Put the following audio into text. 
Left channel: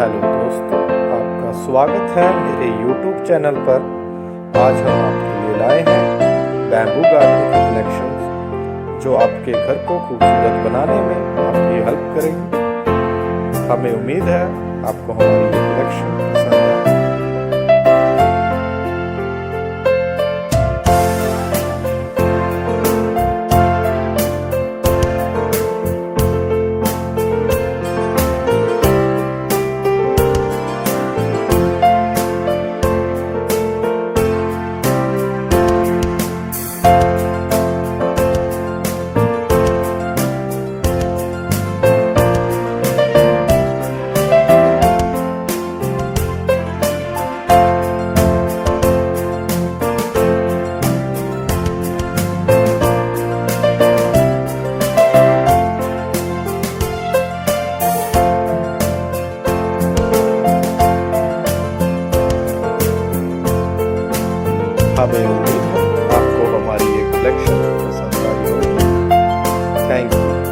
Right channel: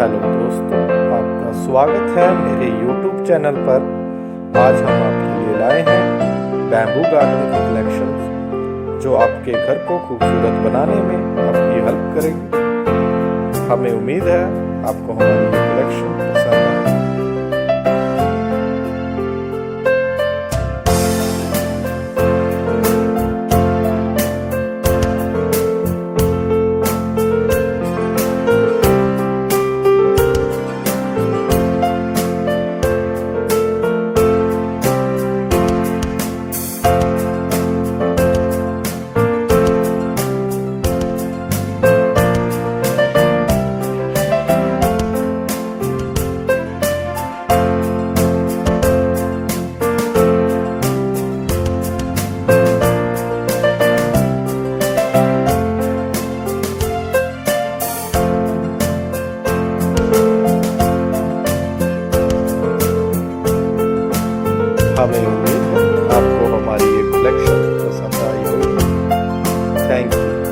Hello दोस्तों, आपका स्वागत है मेरे YouTube चैनल पर। आज हम आपके लिए लाए हैं बैम्बू गार्डन की कलेक्शंस जो आपके घर को खूबसूरत बनाने में आपकी हेल्प करेगी। हमें उम्मीद है आपको हमारी ये कलेक्शन पसंद आए। हमें उम्मीद है आपको हमारी ये कलेक्शन पसंद आई होगी। Thank you.